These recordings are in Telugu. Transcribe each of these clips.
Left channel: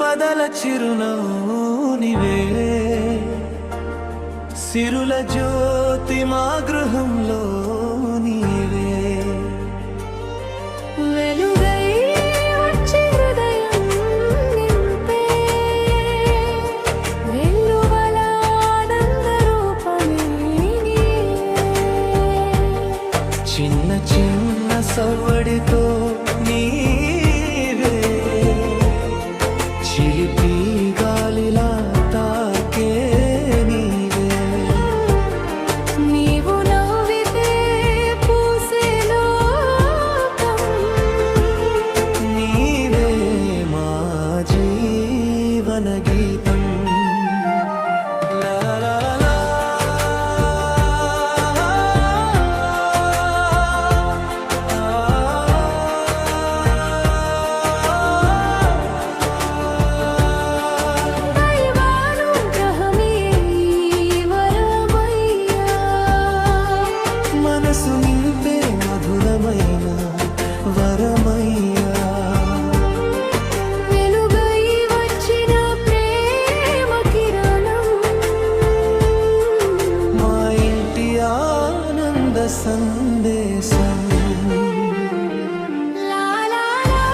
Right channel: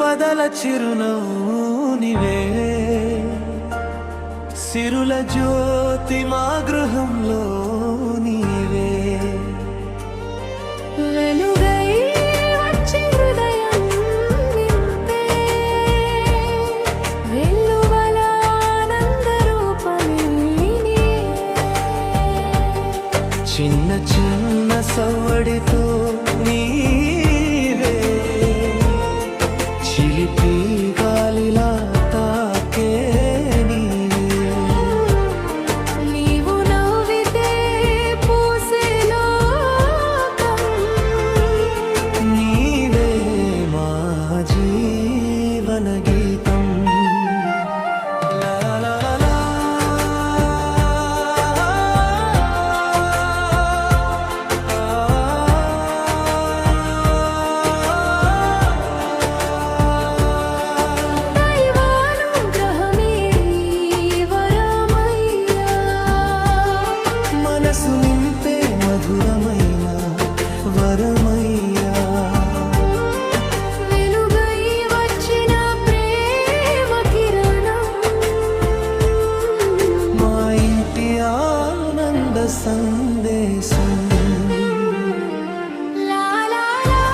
సంపదల చిరునవ్వునివే, సిరుల జ్యోతి మా గృహంలో నీవే. వెలుగై వచ్చి హృదయం నింపే వెల్లువల ఆనంద రూపమే నీవే. చిన్న చిన్న సవ్వడితో నీవే, చిలిపి గాలిలా తాకే నీవే. నీవు నవ్వితే పూసే లోకం, నీవే మా జీవన గీతం. లా లా లా లా. దైవానుగ్రహమే ఈ వరమయ్యా, మనసు నింపే మధురమైన వరమయ్యా. వెలుగై వచ్చిన ప్రేమ కిరణం, మా ఇంటి ఆనంద సందేశం. లా లా లా.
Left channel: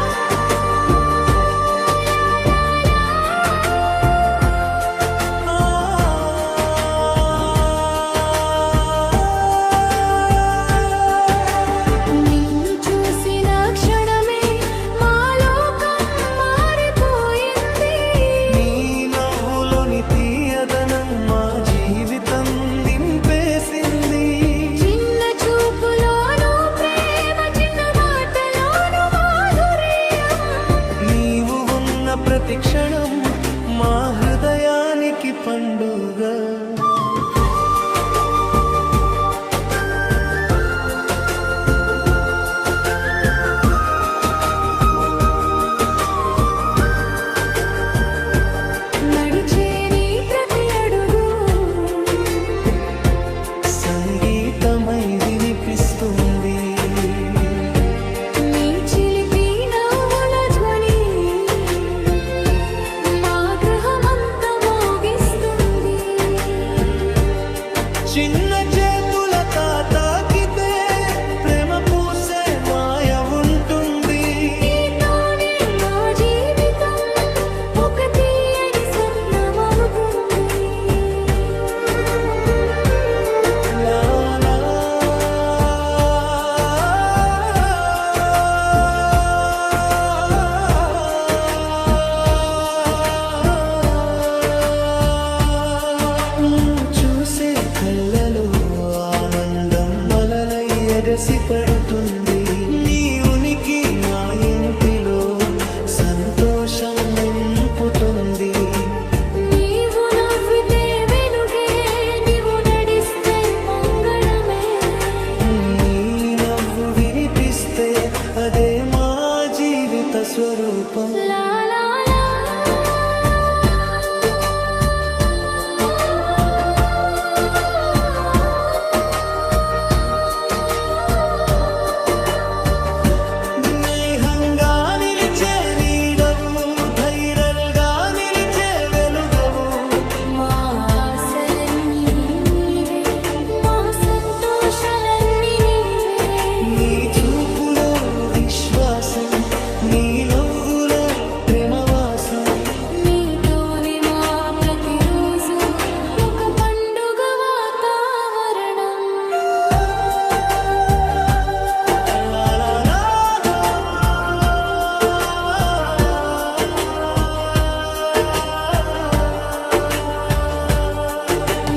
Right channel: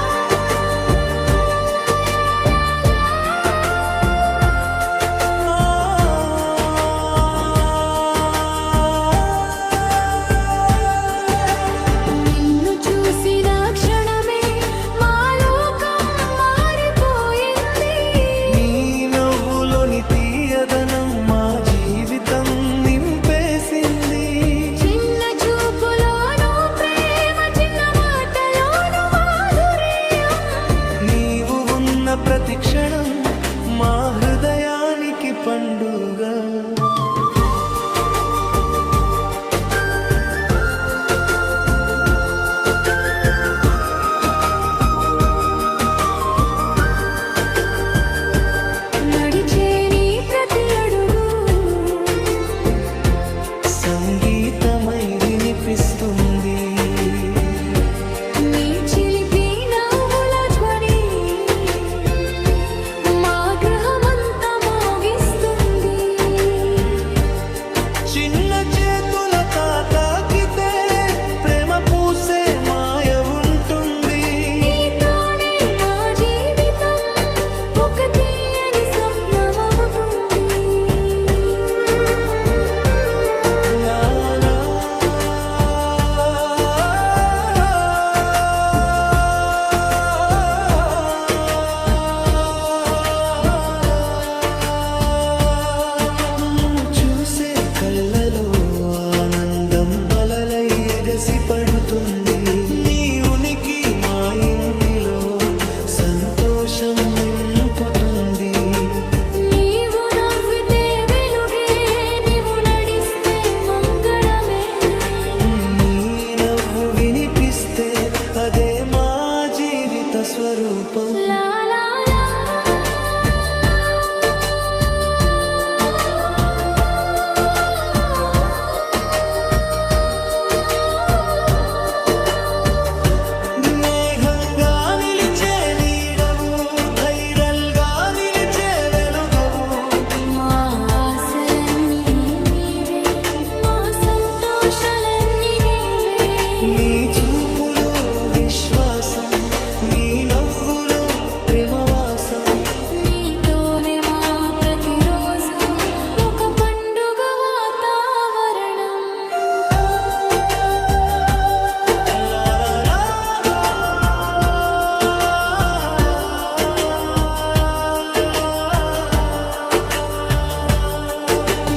నిన్ను చూసిన క్షణమే మా లోకం మారిపోయింది. నీ నవ్వులోని తీయదనం మా జీవితం నింపేసింది. చిన్న చూపులోను ప్రేమ, చిన్న మాటలోను మాధుర్యం. నీవు ఉన్న ప్రతి క్షణం మా హృదయానికి పండుగ. నడిచే నీ ప్రతి అడుగు సంగీతమై వినిపిస్తుంది. నీ చిలిపి నవ్వుల ధ్వని మా గృహమంతా మోగిస్తుంది. చిన్న చేతుల తాకితే ప్రేమ పూసే మాయ ఉంటుంది. నీతోనే మా జీవితం ఒక తీయని స్వప్నమవుతుంది. లా లా. నువ్వు చూసే కళ్ళలో ఆనందం అలలై ఎగసి పడుతుంది. నీ ఉనికి మా ఇంటిలో సంతోషం నింపుతుంది. నీవు నవ్వితే వెలుగే, నీవు నడిస్తే మంగళమే. నీ నవ్వు వినిపిస్తే అదే మా జీవిత స్వరూపం. లా లా లా. స్నేహంగా నిలిచే నీడవు, ధైర్యంగా నిలిచే వెలుగవు. మా ఆశలన్నీ నీవే, మా సంతోషాలన్నీ నీవే. నీ చూపులో విశ్వాసం, నీ నవ్వులో ప్రేమవాసం. నీతోనే మా ప్రతిరోజు ఒక పండుగ వాతావరణం. లా లా లా.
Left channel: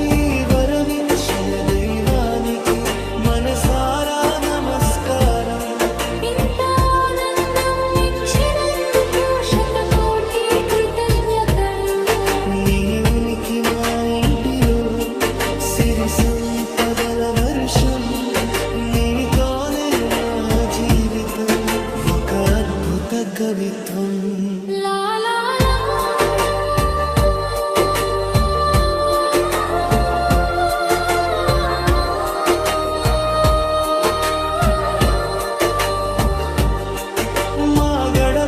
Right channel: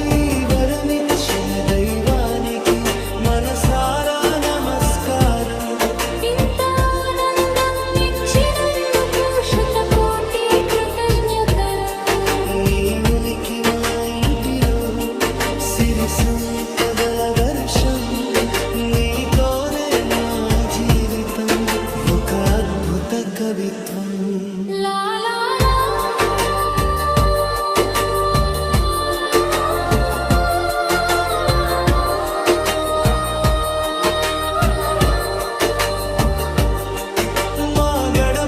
ఈ వరమిచ్చిన దైవానికి మనసారా నమస్కారం. ఇంత ఆనందం ఇచ్చినందుకు శతకోటి కృతజ్ఞతలు. నీ ఉనికి మా ఇంటిలో సిరి సంపదల వర్షం. నీతోనే మా జీవితం ఒక అద్భుత కవిత్వం. లా లా లా.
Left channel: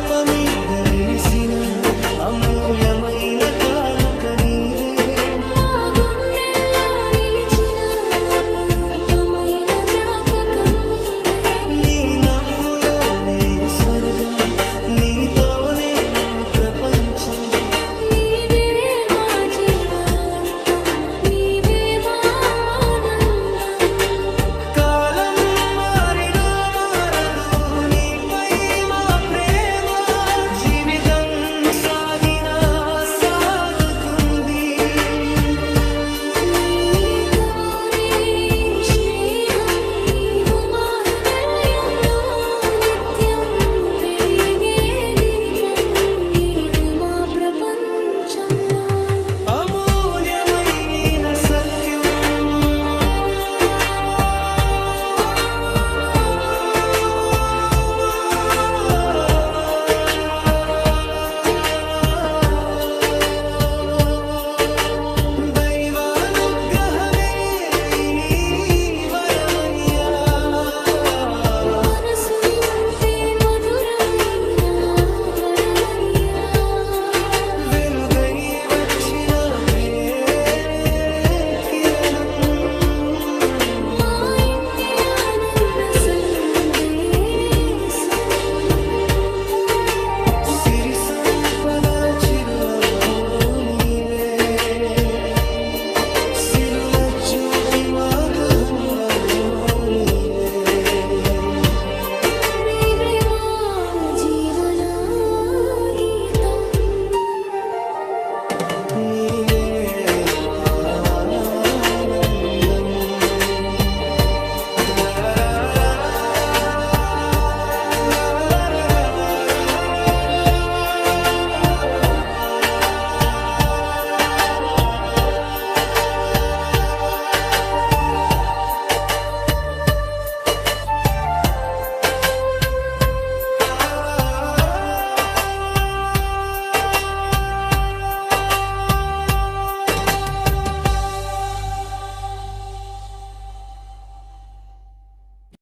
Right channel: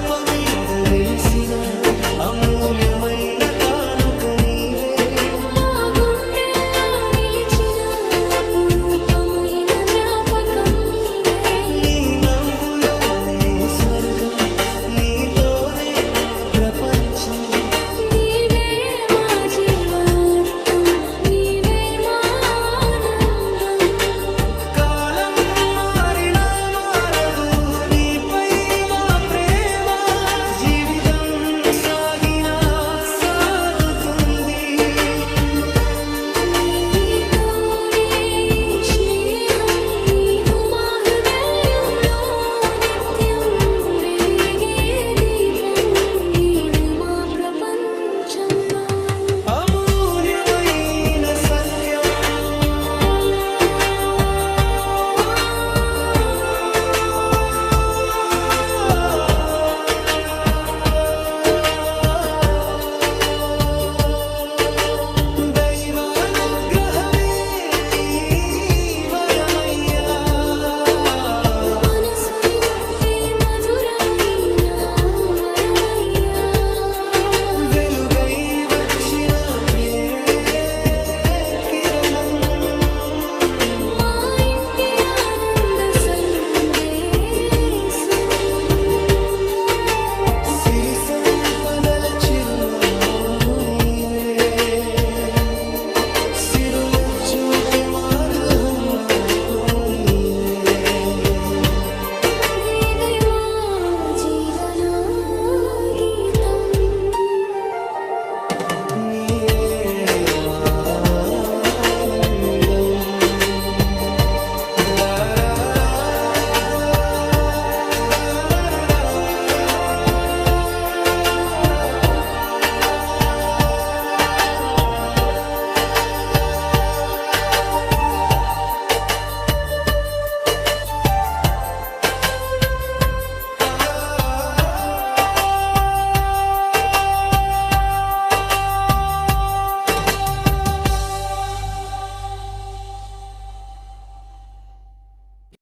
గడప మీద వెలిసిన అమూల్యమైన కానుక నీవే. మా గుండెల్లో నిలిచిన అపురూపమైన జ్ఞాపకం నీవే. నీ నవ్వులోనే స్వర్గం, నీతోనే మా ప్రపంచం. నీవే మా జీవార్థం, నీవే మా ఆనందం. కాలం మారినా మారదు నీపై మా ప్రేమ. జీవితం